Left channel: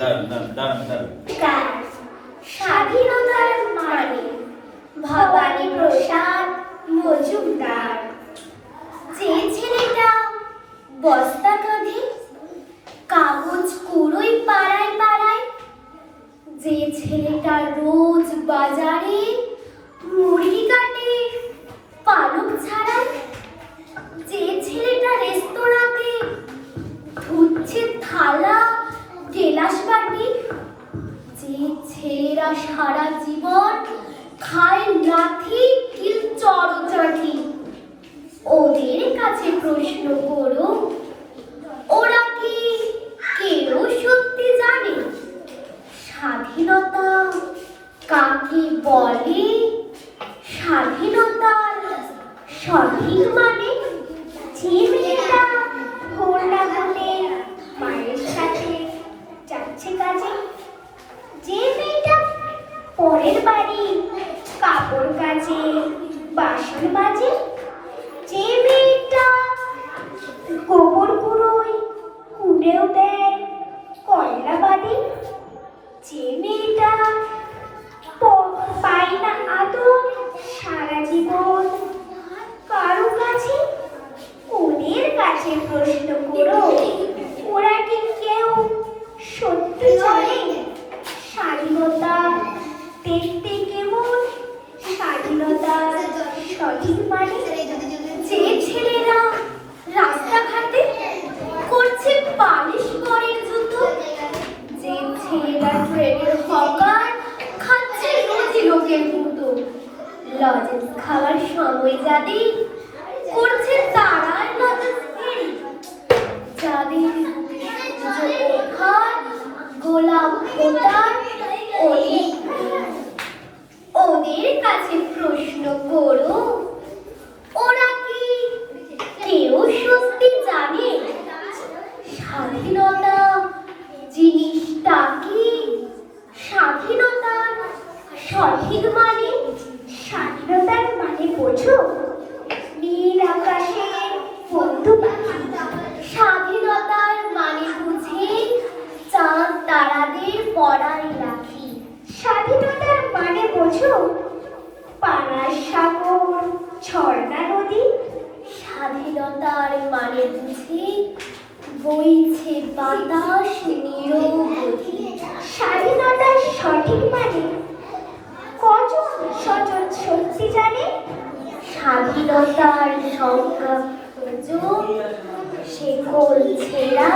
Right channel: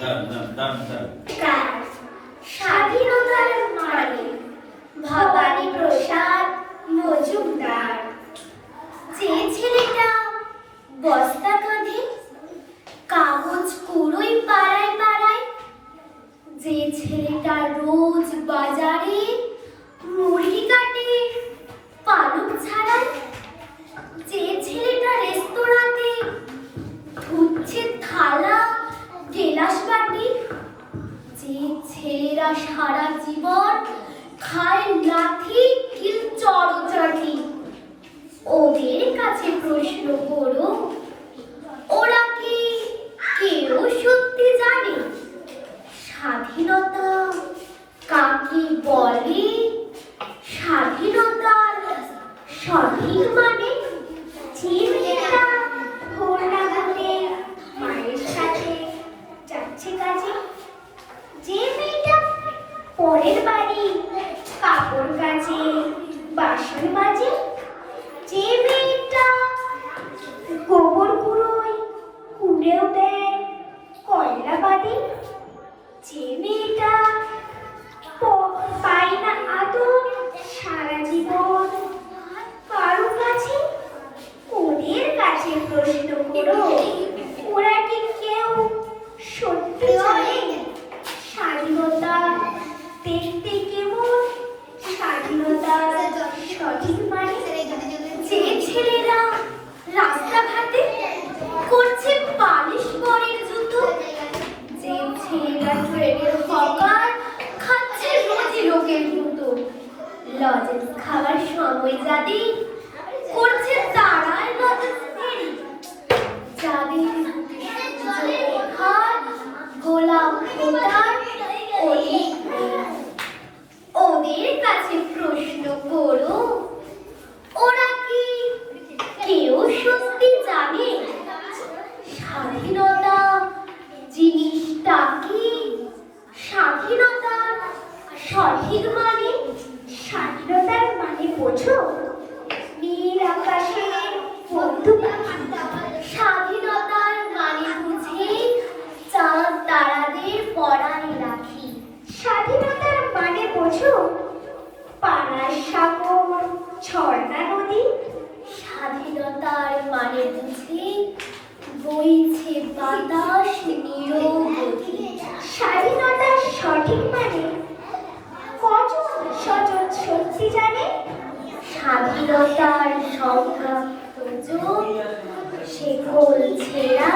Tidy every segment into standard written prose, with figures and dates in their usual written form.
কার স্বাধীনতার মানে ভবানী প্রসাদ মজুমদার। যে ছেলেটা বস্তা কাঁধে কাগজ কুড়োই পাড়ায় পাড়ায়, যে ছেলেটা রোজ বাজারে মুড়ি কাটে পালক ছাড়ায়, যে ছেলেটা রেস্তোরাঁতে ধুচ্ছে থালা গেলাস বাটি, যে ছেলেরা সারা জীবন খায় লাথি কিল চড়চাটি, ওদের কাছে প্রশ্ন করো, ওরা কি কেউ সত্যি জানে স্বাধীনতা কাকে বলে? স্বাধীনতার সঠিক মানে যে মেয়েটা ভোর না হলে মায়ের সাথে যাচ্ছে কাজে, যে মেয়েটা পরের বাড়ি কাপড় কাচে বাসন মাজে, যে মেয়েটা গোবর কুড়োয় কুড়েও দেয় কয়লা বাদে, যে মেয়েটা পায় না আদর সারা জীবন কারো কাছে, ওদের কাছে প্রশ্ন করো, ওরা কি কেউ সত্যি জানে স্বাধীনতা দেখতে কেমন? স্বাধীনতা সঠিক মানে যে ছেলেরা রাস্তাঘাটে করছে পালিশ করের যুদ্ধ, যে ছেলেরা ট্রেনের হকার খাচ্ছে রোজি লোকের মতো, লজেন্স খাওয়ার সময় যাদের করছে তারার লজেন্স ফেরি, যাদের গোলাপ ফোটার ওদের কাছে প্রশ্ন করো, ওরা কি কেউ সত্যি জানে স্বাধীনতা জিনিসটা কি? স্বাধীনতার সঠিক মানে? স্বাধীনতার মানে বোঝো নীল আকাশে বন্ধু পাখি, স্বাধীনতার মানে বুঝে চাঁদ তারাদের পড়ায় রাখি। স্বাধীনতার মানে বোঝো পানার সাগর ঝর্ণা নদী, স্বাধীনতার মানে বুঝে বইছে বাতাস নিরবধি। স্বাধীনতার সঠিক মানে কজন সজন সত্যি জানে স্বাধীনতার সংজ্ঞা সে গোল ছেঁড়া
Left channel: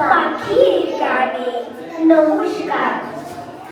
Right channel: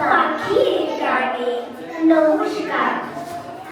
পাখির গানে। নমস্কার।